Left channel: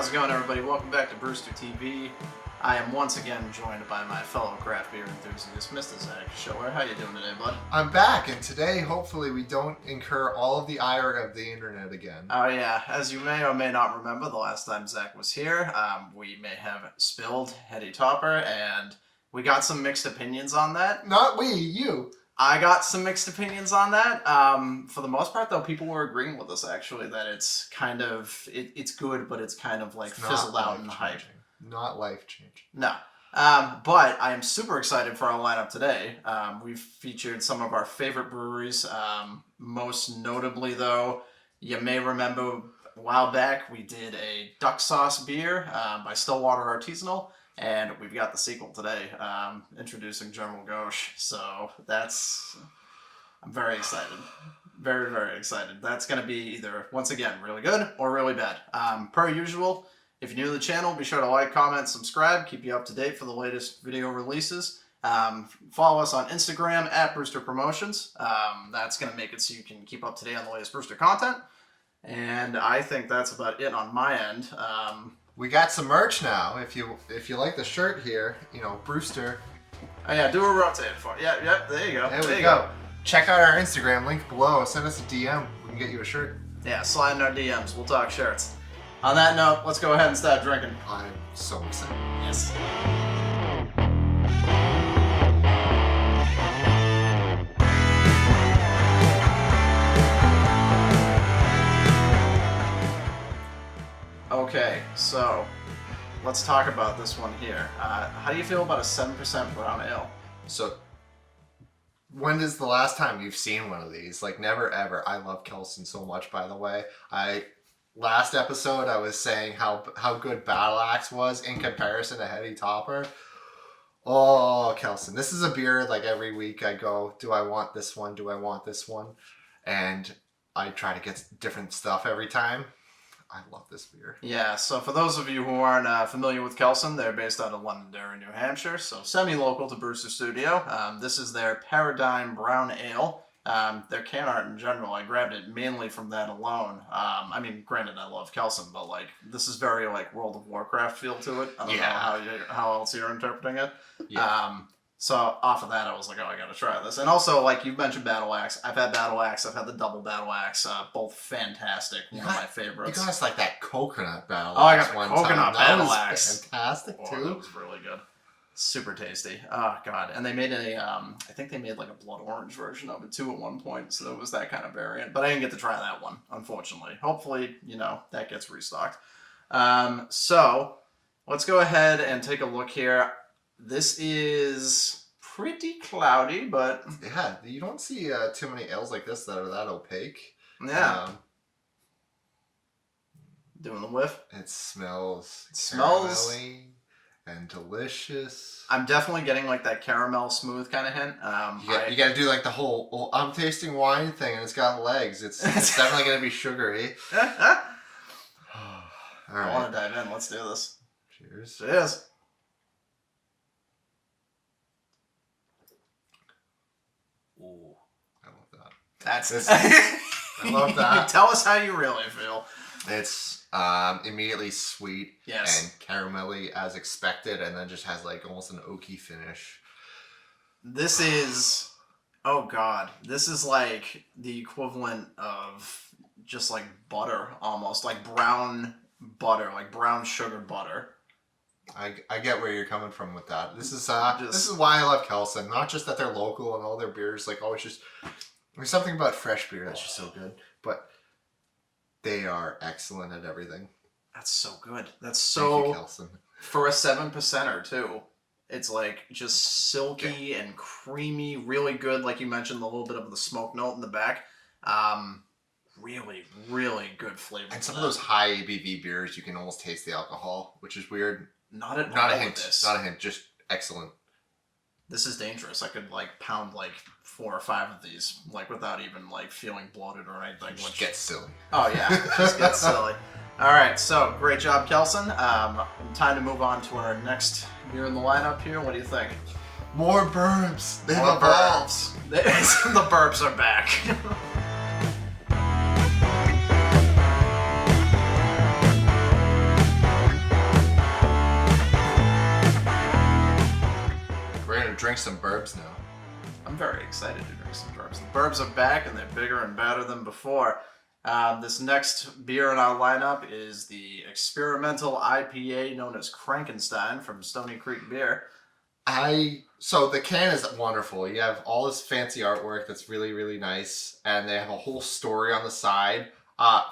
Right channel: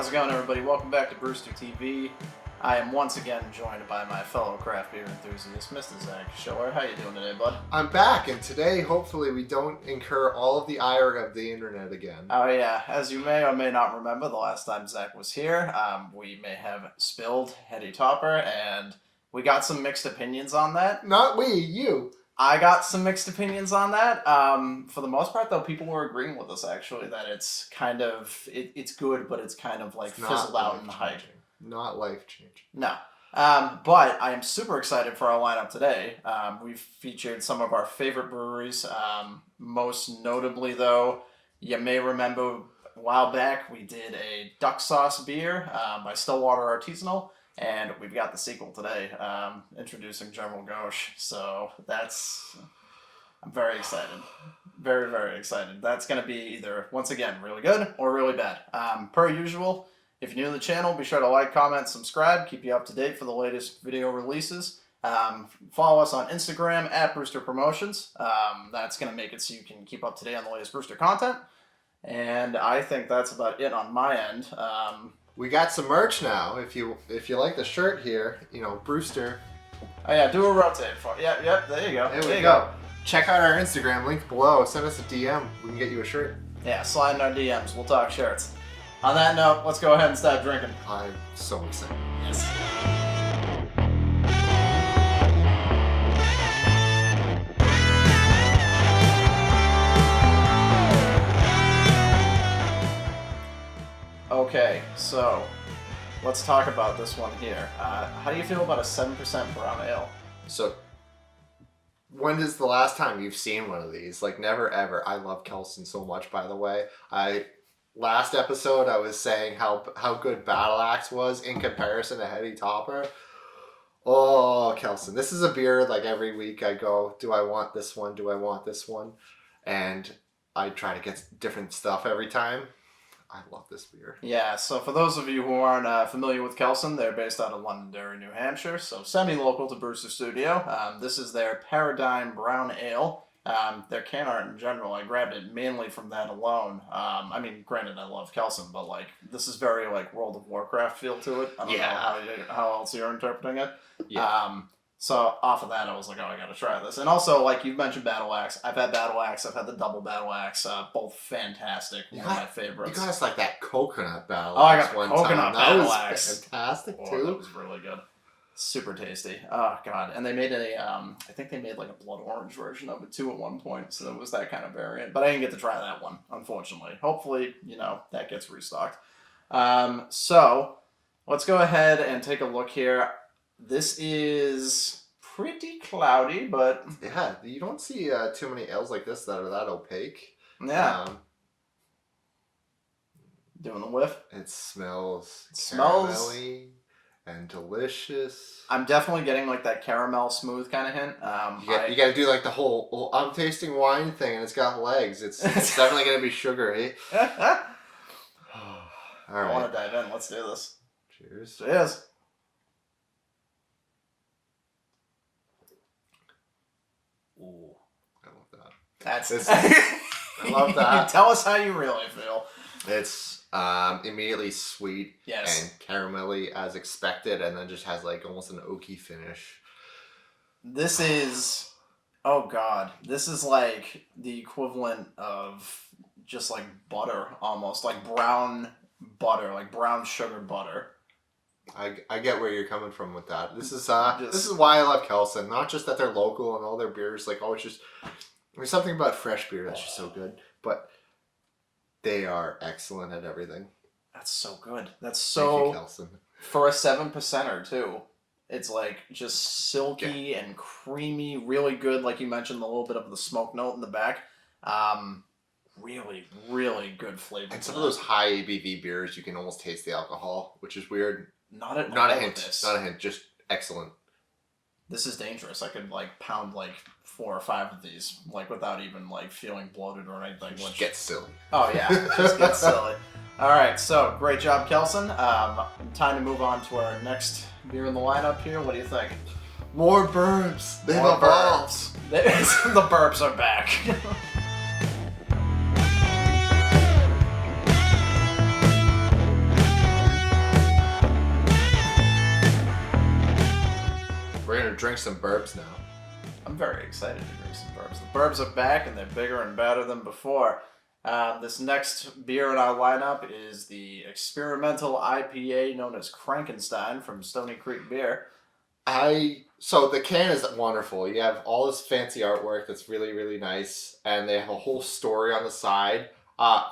How's it going, everybody? Welcome back to Brewster TV. I am once again joined by my fellow craft beer enthusiast, Mr. Zach Schiller. How you doing today, bud? I'm back, and today, hopefully, we don't incur all of the ire of the internet again. Oh yeah, as you may or may not remember, the last time Zach was here, we may have spilled Heady Topper, and we got some mixed opinions on that. Not we, you. I got some mixed opinions on that. For the most part, though, people were agreeing with us, actually, that it's kind of, it's good, but it's kind of like fizzled out in the hype. Not life-changing. No. But I am super excited for our lineup today. We've featured some of our favorite breweries. Most notably, though, you may remember a while back we did a duck sauce beer by Stillwater Artisanal. And we've got the sequel today, introducing General Gose. So I'm very excited. Very, very excited. That's going to be either, once again, really good or really bad. Per usual, if you're new to the channel, be sure to like, comment, subscribe, keep you up to date for the latest video releases. Follow us on Instagram at Brewster Promotions. That's going to make it so you can keep up to date on the latest Brewster content. And I think that's about it on my end. We got some merch now. If you like the shirt here, you know, Brewster. Oh yeah, do a rotate for it. Yep, there you go. There you go. Check out our Instagram, link below. Send us a DM. We can get you a shirt. Yeah, slide in our DMs. We'll talk shirts. On that note, let's go ahead and start drinking. I'm so excited. Yes. Okay, so let's talk about this one here. How do you feel about a 7% brown ale? So, when is the last time you've seen one of these? Like, never ever. I love Kelsen so much, by the way. Last episode, I was saying how good Battle Axe was in comparison to Heady Topper. Oh, Kelsen. This is a beer, like, every week I go, do I want this one? Do I want this one? And I try to get different stuff every time. I love this beer. Yeah, so for those of you who aren't familiar with Kelsen, they're based out of Londonderry, New Hampshire, so semi-local to Brewster Studio. This is their Paradigm Brown Ale. Their can art in general, I grabbed it mainly from that alone. I mean, granted, I love Kelsen, but like this is very like World of Warcraft feel to it. I don't know how else you're interpreting it. Yeah. So off of that, I was like, oh, I gotta try this. And also, like you mentioned, Battle Axe. I've had Battle Axe. I've had the double Battle Axe. Both fantastic. One of my favorites. You got us like that coconut Battle Axe. Oh, I got the coconut Battle Axe. Fantastic too. That was really good. Super tasty. Oh god. And they made I think they made like a blood orange version of it too at one point. So it was that kind of variant. But I didn't get to try that one, unfortunately. Hopefully, that gets restocked. So let's go ahead and take a look here. This is pretty cloudy, but yeah, you don't see too many ales like this that are that opaque. Yeah. Doing the whiff. It smells caramelly and delicious. I'm definitely getting like that caramel smooth kind of hint. You got to do like the whole I'm tasting wine thing, and it's got legs. It's definitely going to be sugary. All right. I want to dive in. Let's do this. Cheers. Cheers. Ooh, I love that. I love that. Tell us how you really feel. It's immediately sweet and caramelly as expected, and then just has like almost an oaky finish. This is, oh god, this is like the equivalent of just like butter, almost like brown butter, like brown sugar butter. I get where you're coming from with that. This is why I love Kelsen. Not just that they're local and all their beers, like always just there's something about fresh beer that's just so good. But they are excellent at everything. That's so good. That's so Thank you, Kelsen. For a 7%er too. It's like just silky and creamy, really good. Like you mentioned, a little bit of the smoke note in the back. Really, really good flavor. And some of those high ABV beers, you can almost taste the alcohol, which is weird. Not a hint. Not a hint. Just excellent. This is dangerous. I could like pound like 4 or 5 of these, like without even like feeling bloated or anything. Just get silly. Oh yeah, just get silly. All right, so great job, Kelsen. Time to move on to our next beer in the lineup here. What do you think? More burps. They've evolved. The burps are back. drink some burbs now. I'm very excited to drink some burbs. The burbs are back, and they're bigger and better than before. This next beer in our lineup is the experimental IPA known as Frankenstein from Stony Creek Beer. So the can is wonderful. You have all this fancy artwork that's really, really nice, and they have a whole story on the side.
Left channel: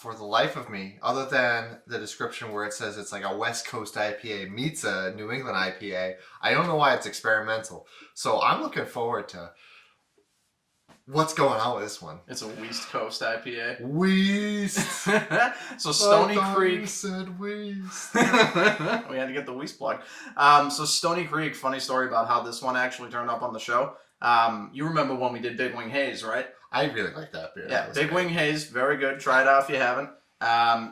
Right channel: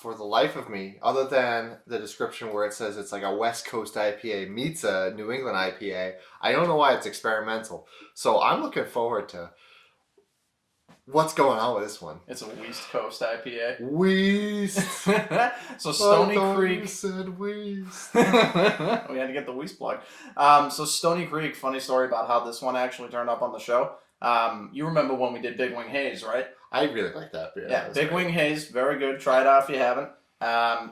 For the life of me, other than the description where it says it's like a West Coast IPA meets a New England IPA, I don't know why it's experimental. So I'm looking forward to what's going on with this one. It's a West Coast IPA. West. So Stony Creek. You said West. We had to get the West plug. So Stony Creek, funny story about how this one actually turned up on the show. You remember when we did Big Wing Haze, right? I really like that beer. Yeah, Big Wing Haze, very good. Try it out if you haven't.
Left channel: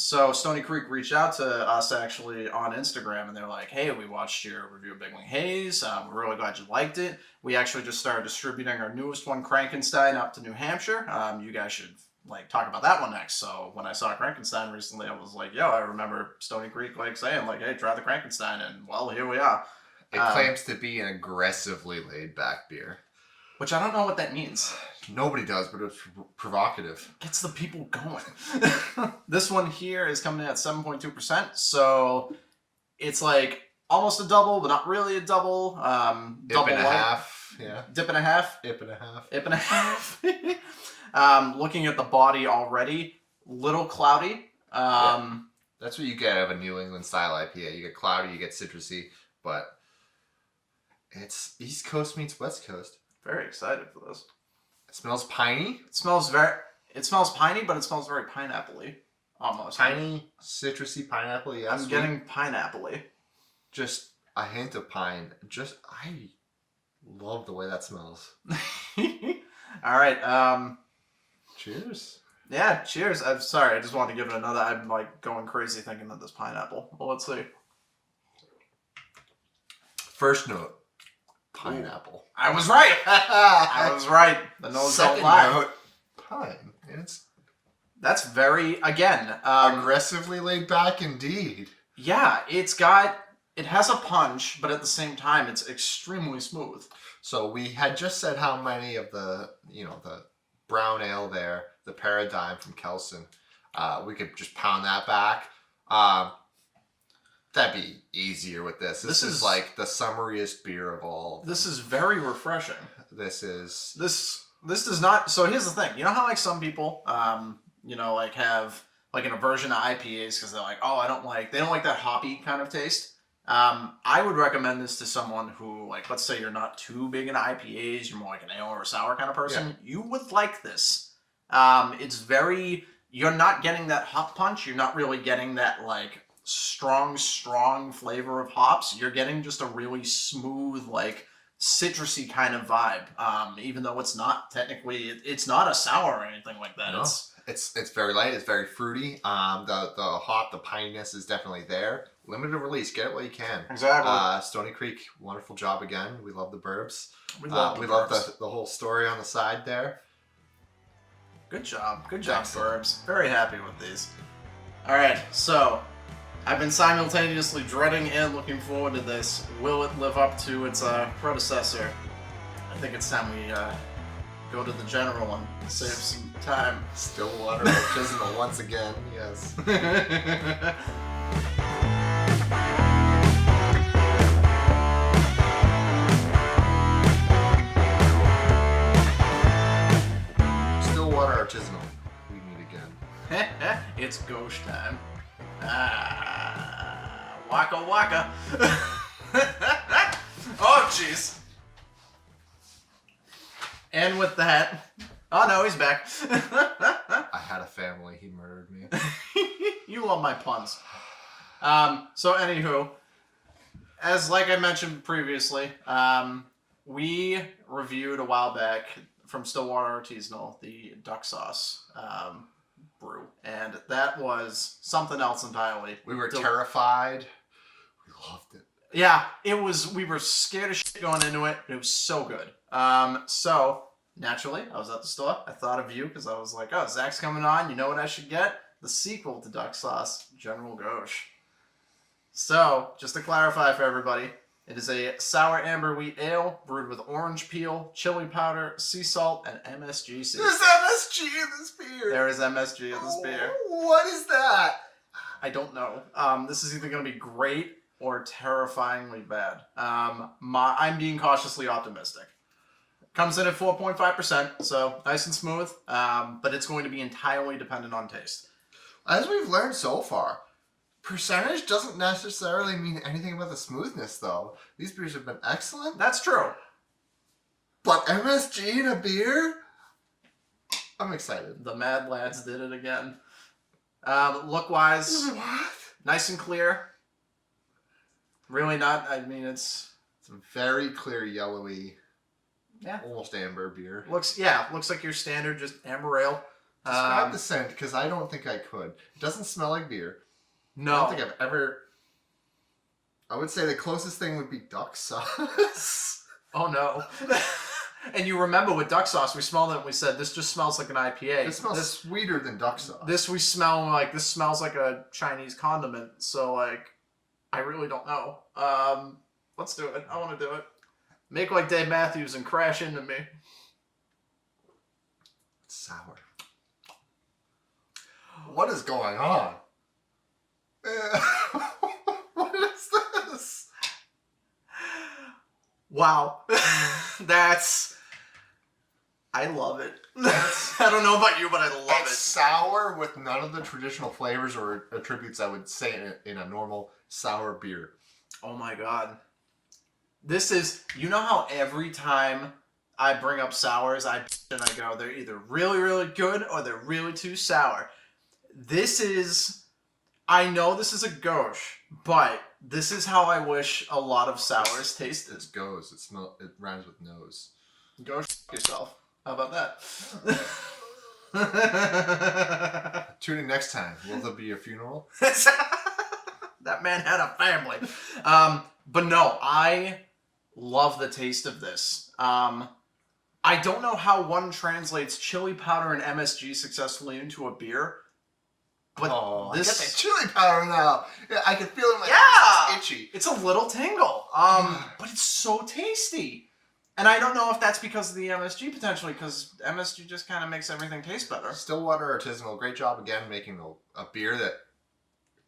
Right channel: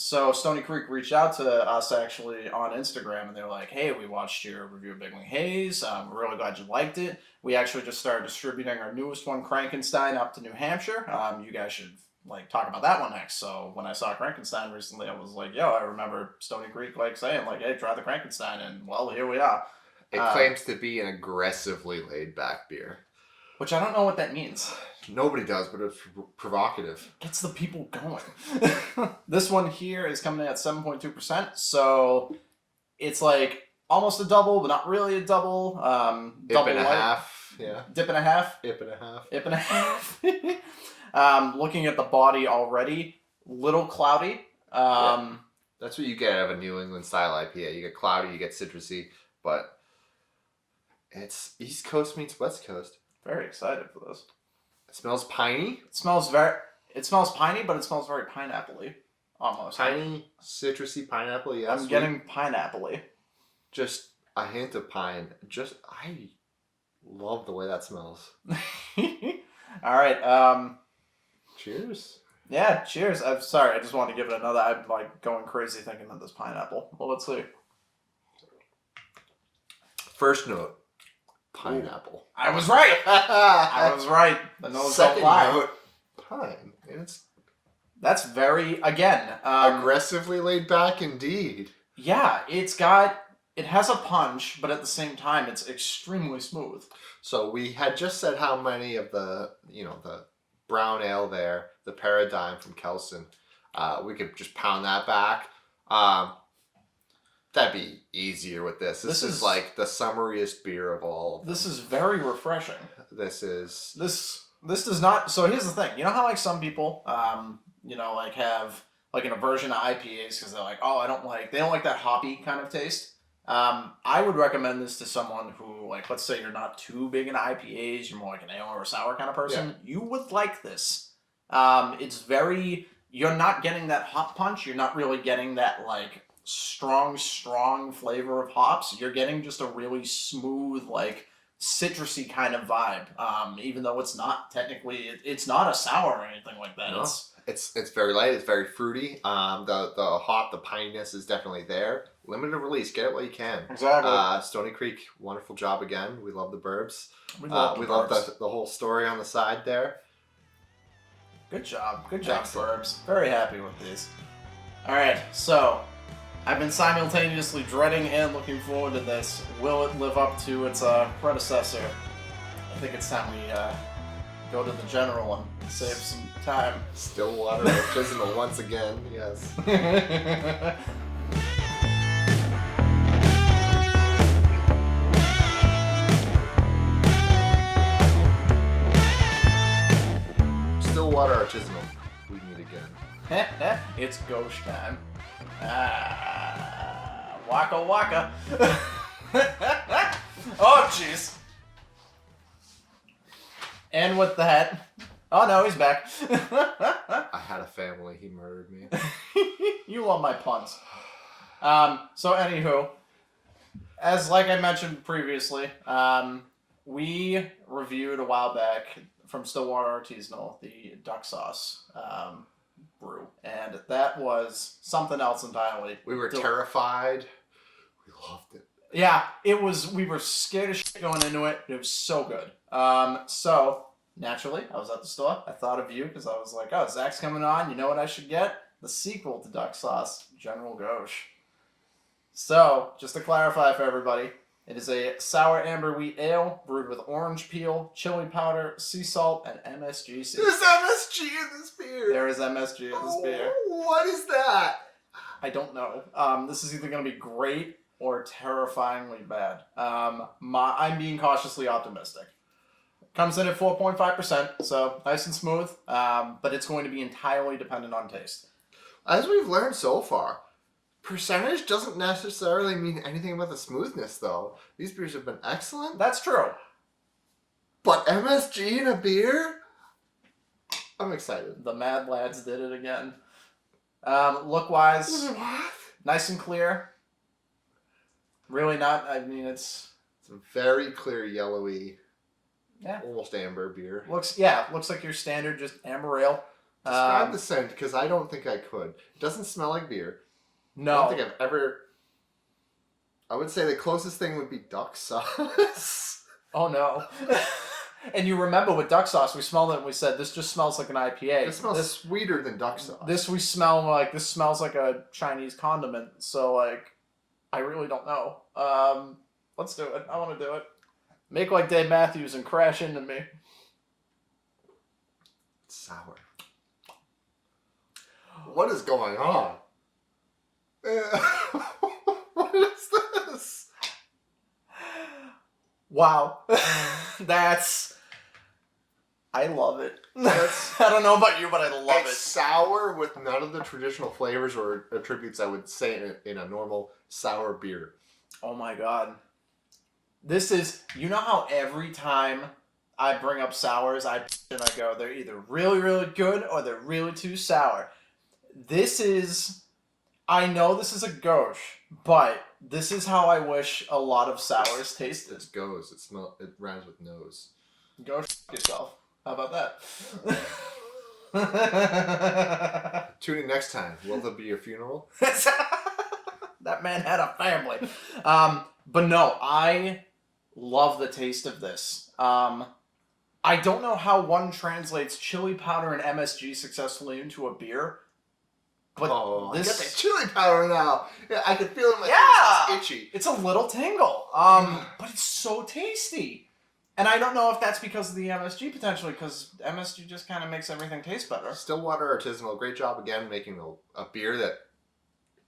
So Stony Creek reached out to us actually on Instagram, and they were like, "Hey, we watched your review of Big Wing Haze. We're really glad you liked it. We actually just started distributing our newest one, Frankenstein, up to New Hampshire. You guys should talk about that one next." So when I saw Frankenstein recently, I was like, "Yo, I remember Stony Creek saying hey, try the Frankenstein," and well, here we are. It claims to be an aggressively laid back beer. Which I don't know what that means. Nobody does, but it's provocative. Gets the people going. This one here is coming in at 7.2%, so it's almost a double, but not really a double. Dip and a half. Yeah. Dip and a half. Ip and a half. Ip and a half. Looking at the body already, little cloudy. That's what you get out of a New England style IPA. You get cloudy, you get citrusy, but it's East Coast meets West Coast. Very excited for this. It smells piney. It smells piney, but it smells very pineapple-y. Almost. Piney, citrusy pineapple, yes. I'm getting pineapple-y. Just a hint of pine. I love the way that smells. All right. Cheers. Yeah, cheers. I'm sorry. I just wanted to give it another. I'm going crazy thinking that this pineapple. Well, let's see. First note. Pineapple. Ooh. I was right. I was right. The nose don't lie. Second note, pine. That's very, again, aggressively laid back indeed. Yeah, it has a punch, but at the same time, it's extremely smooth. So we had just said how many of the brown ale there, the Paradigm from Kelson, we could just pound that back. That'd be easier with this. This is the summariest beer of all of them. This is very refreshing. This does not. So here's the thing. You know how some people, have an aversion to IPAs because they're they don't like that hoppy kind of taste. I would recommend this to someone who let's say you're not too big into IPAs, you're more like an ale or a sour kind of person. Yeah. You would like this. You're not getting that hop punch. You're not really getting that strong flavor of hops. You're getting just a really smooth, citrusy kind of vibe. Even though it's not technically, it's not a sour or anything like that. No, it's very light. It's very fruity. The hop, the pininess is definitely there. Limited release. Get it while you can. Exactly. Stony Creek, wonderful job again. We love the burbs. We love the whole story on the side there. Good job, burbs. Very happy with these. All right, so I've been simultaneously dreading and looking forward to this. Will it live up to its predecessor? I think it's time we go to the general and save some time. Stillwater artisanal once again, yes. Stillwater artisanal. We meet again. It's ghost time. Waka waka. Oh, jeez. And with that, oh no, he's back. I had a family. He murdered me. You love my puns. So anywho, as I mentioned previously, we reviewed a while back from Stillwater Artisanal the duck sauce brew, and that was something else entirely. We were terrified. We loved it. Yeah, it was. We were scared of shit going into it, but it was so good. So naturally, I was at the store. I thought of you because I was like, "Oh, Zach's coming on. You know what I should get? The sequel to Duck Sauce, General Gauche." So, just to clarify for everybody, It is a sour amber wheat ale brewed with orange peel, chili powder, sea salt, and MSG seeds. There's MSG in this beer. There is MSG in this beer. What is that? I don't know. This is either going to be great or terrifyingly bad. I'm being cautiously optimistic. Comes in at 4.5%, so nice and smooth, but it's going to be entirely dependent on taste. As we've learned so far, percentage doesn't necessarily mean anything about the smoothness, though. These beers have been excellent. That's true. But MSG in a beer? I'm excited. The Mad Lads did it again. Look-wise, nice and clear. Really not, I mean, it's a very clear, yellowy, yeah, almost amber beer. Looks like your standard just amber ale. Describe the scent, because I don't think I could. It doesn't smell like beer. No. I don't think I've ever... I would say the closest thing would be duck sauce. Oh, no. And you remember with duck sauce, we smelled it and we said, this just smells like an IPA. It smells sweeter than duck sauce. This smells like a Chinese condiment. So, like, I really don't know. Let's do it. I want to do it. Make like Dave Matthews and crash into me. It's sour. What is going on? What is this? Wow. I love it. I don't know about you, but I love it. Sour with none of the traditional flavors or attributes I would say in a normal sour beer. Oh my god. This is, you know how every time I bring up sours, I go, they're either really, really good or they're really too sour. I know this is a gauche, but this is how I wish a lot of sours tasted. It's gose. It rhymes with nose. Go yourself. How about that? Tune in next time. Will there be a funeral? That man had a family. But no, I love the taste of this. I don't know how one translates chili powder and MSG successfully into a beer. But I get the chili powder now. Yeah, I can feel it in my face. It's itchy. It's a little tingle. But it's so tasty. And I don't know if that's because of the MSG potentially, because MSG just kind of makes everything taste better. Stillwater Artisanal, great job again making a beer that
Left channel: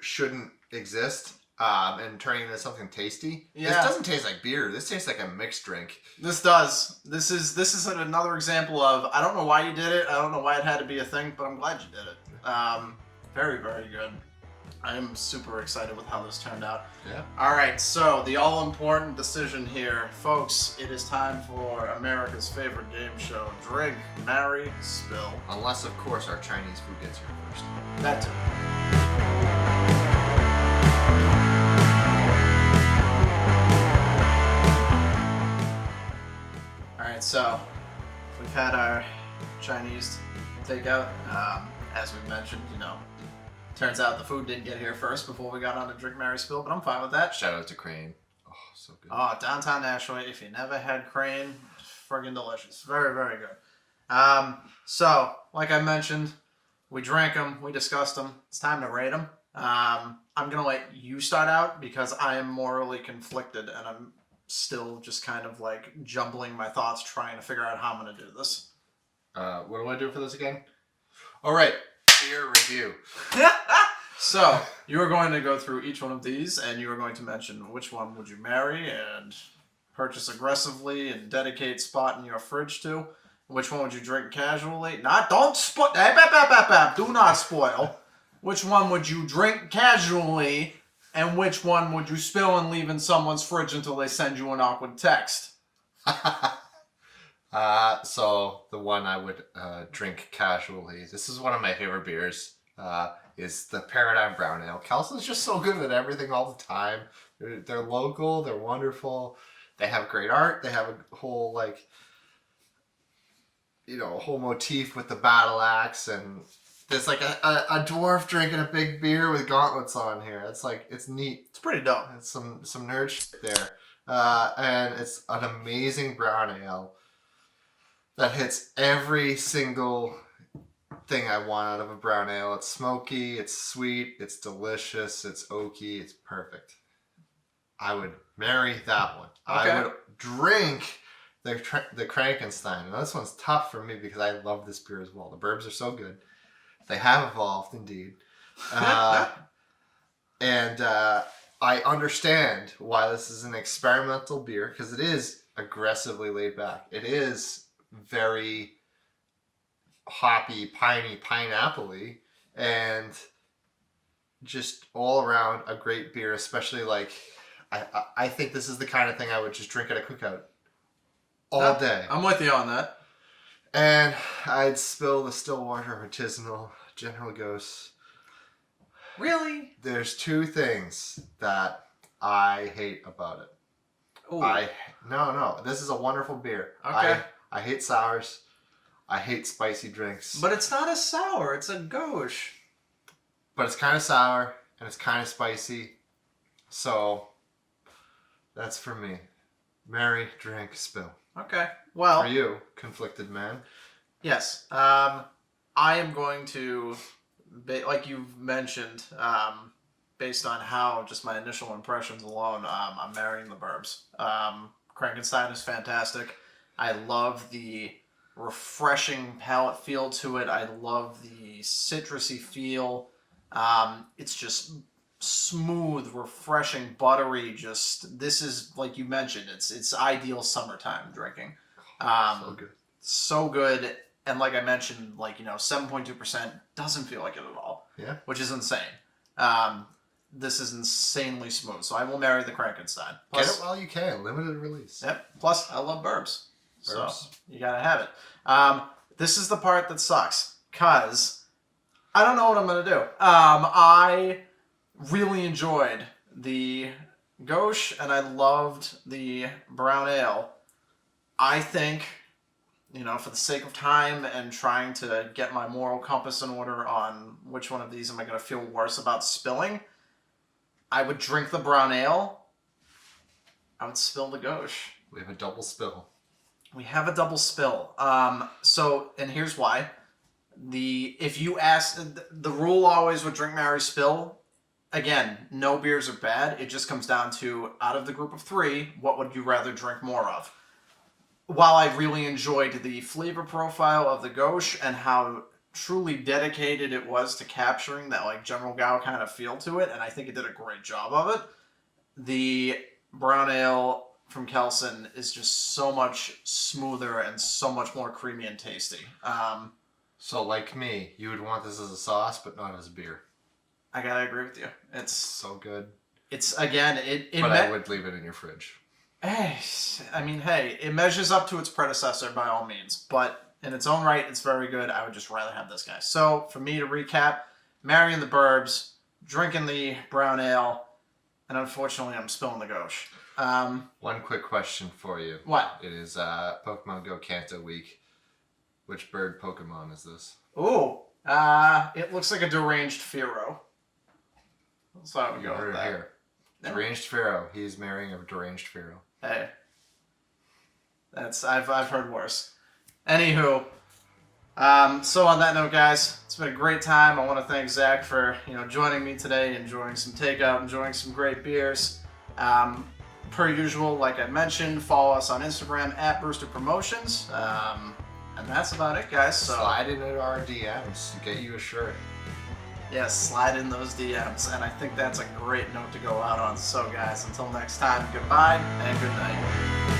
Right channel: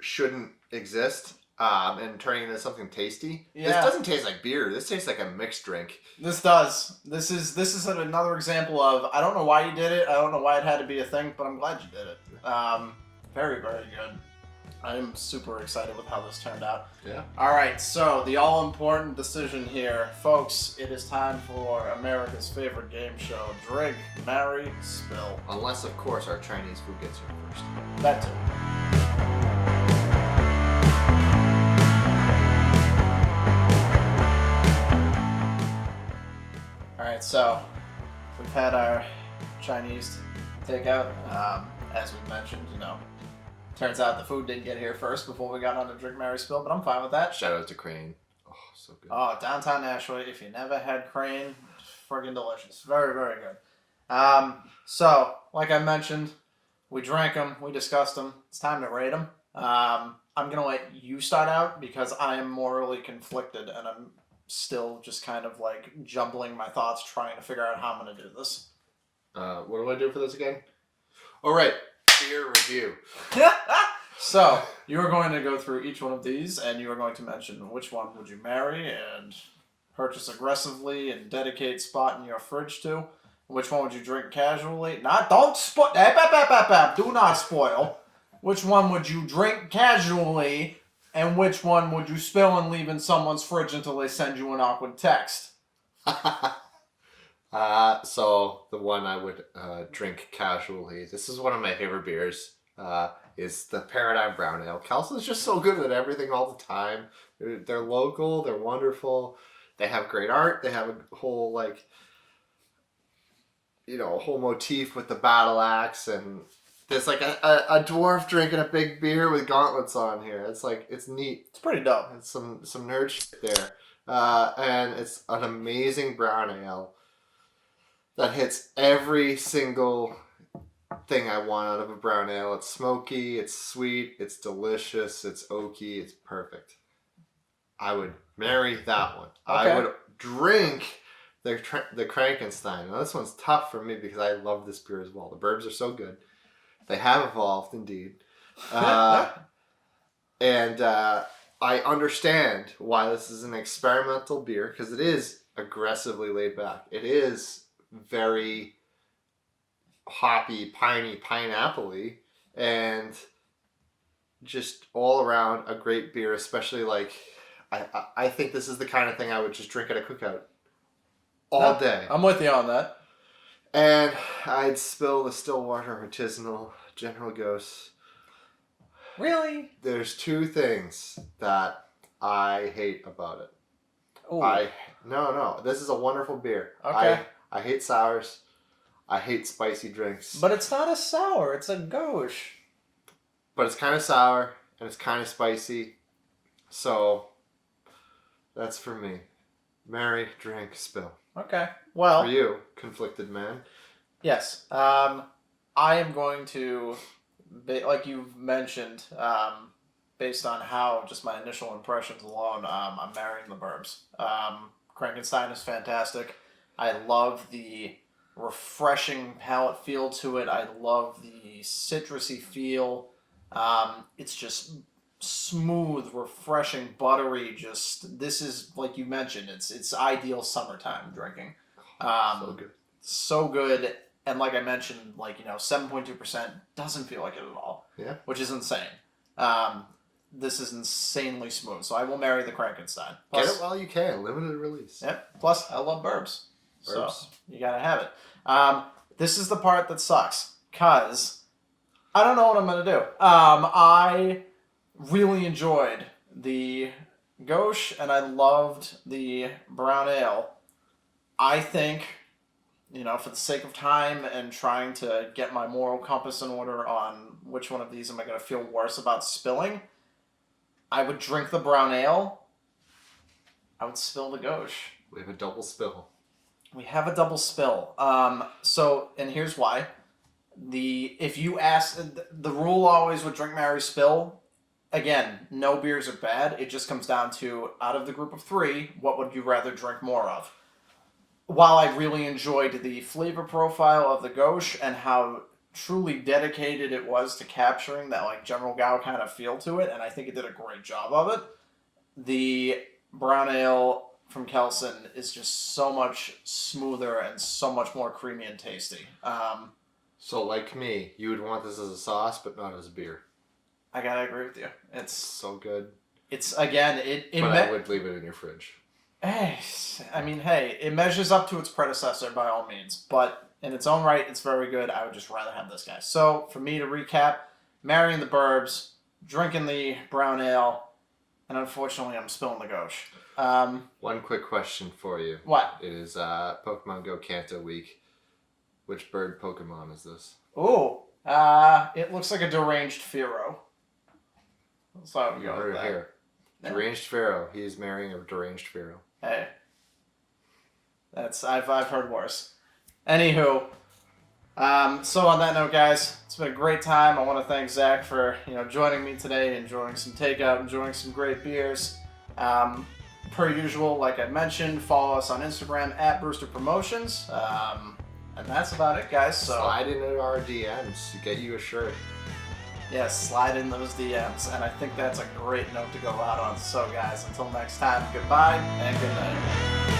shouldn't exist and turning it into something tasty. Yeah. This doesn't taste like beer. This tastes like a mixed drink. This does. This is another example of, I don't know why you did it. I don't know why it had to be a thing, but I'm glad you did it. Very, very good. I am super excited with how this turned out. Yeah. All right, so the all-important decision here. Folks, it is time for America's favorite game show, Drink, Marry, Spill. Unless, of course, our Chinese food gets here first. That too. All right, so we've had our Chinese takeout. As we mentioned, turns out the food didn't get here first before we got on to Drink, Marry, Spill, but I'm fine with that. Shout out to Crane. Oh, so good. Oh, downtown Nashua. If you never had Crane, friggin' delicious. Very, very good. So, like I mentioned, we drank them, we discussed them. It's time to rate them. I'm going to let you start out because I am morally conflicted and I'm still just kind of like jumbling my thoughts trying to figure out how I'm going to do this. What do I do for this again? All right. Beer review. So, you are going to go through each one of these, and you are going to mention which one would you marry and purchase aggressively and dedicate spot in your fridge to. Which one would you drink casually? Don't spoil. Do not spoil. Which one would you drink casually, and which one would you spill and leave in someone's fridge until they send you an awkward text? So the one I would drink casually. This is one of my favorite beers. Is the Paradigm Brown Ale. Kelson's just so good at everything all the time. They're local. They're wonderful. They have great art. They have a whole whole motif with the battle axe, and there's like a dwarf drinking a big beer with gauntlets on here. It's neat. It's pretty dope. It's some nerd shit there, and it's an amazing brown ale that hits every single thing I want out of a brown ale. It's smoky, it's sweet, it's delicious, it's oaky, it's perfect. I would marry that one. Okay. I would drink the Krankenstein. Now this one's tough for me because I love this beer as well. The Burbs are so good. They have evolved indeed. And I understand why this is an experimental beer because it is aggressively laid back. It is very hoppy, piney, pineapple-y, and just all around a great beer, especially like I think this is the kind of thing I would just drink at a cookout all day. I'm with you on that. And I'd spill the Stillwater Artisanal General Gose. Really? There's two things that I hate about it. Ooh. No. This is a wonderful beer. Okay. I hate sours. I hate spicy drinks. But it's not a sour. It's a gauche. But it's kind of sour and it's kind of spicy. So that's for me. Marry, drink, spill. Okay. Well. For you, conflicted man. Yes. I am going to, like you mentioned, based on how just my initial impressions alone, I'm marrying the Burbs. Krankenstein is fantastic. I love the refreshing palate feel to it. I love the citrusy feel. It's just smooth, refreshing, buttery. Just this is like you mentioned. It's ideal summertime drinking. So good. So good. And like I mentioned, 7.2% doesn't feel like it at all. Yeah. Which is insane. This is insanely smooth. So I will marry the Krankenstein. Get it while you can. Limited release. Yep. Plus, I love Burbs. So Burbs. you gotta have it. This is the part that sucks. Because I don't know what I'm going to do. I really enjoyed the gauche and I loved the brown ale. I think, for the sake of time and trying to get my moral compass in order on which one of these am I going to feel worse about spilling, I would drink the brown ale. I would spill the gauche. We have a double spill. We have a double spill. And here's why. If you ask, the rule always with drink, marry, spill. Again, no beers are bad. It just comes down to, out of the group of three, what would you rather drink more of? While I really enjoyed the flavor profile of the gauche and how truly dedicated it was to capturing that General Gao kind of feel to it, and I think it did a great job of it, the brown ale from Kelsen is just so much smoother and so much more creamy and tasty. So like me, you would want this as a sauce, but not as a beer. I gotta agree with you. It's so good. It's again, but I would leave it in your fridge. Hey, it measures up to its predecessor by all means, but in its own right, it's very good. I would just rather have this guy. So for me to recap, marrying the Burbs, drinking the brown ale, and unfortunately, I'm spilling the gauche. One quick question for you. What? It is Pokemon Go Kanto week. Which bird Pokemon is this? Ooh, it looks like a deranged Fearow. So I would go with that. Here. Deranged Fearow. He's marrying a deranged Fearow. Hey, I've heard worse. Anywho, so on that note, guys, it's been a great time. I want to thank Zach for joining me today, enjoying some takeout, enjoying some great beers. Per usual, like I mentioned, follow us on Instagram at Brewster Promotions. And that's about it, guys. So slide into our DMs to get you a shirt. Yes, slide in those DMs, and I think that's a great note to go out on. So, guys, until next time, goodbye and good night.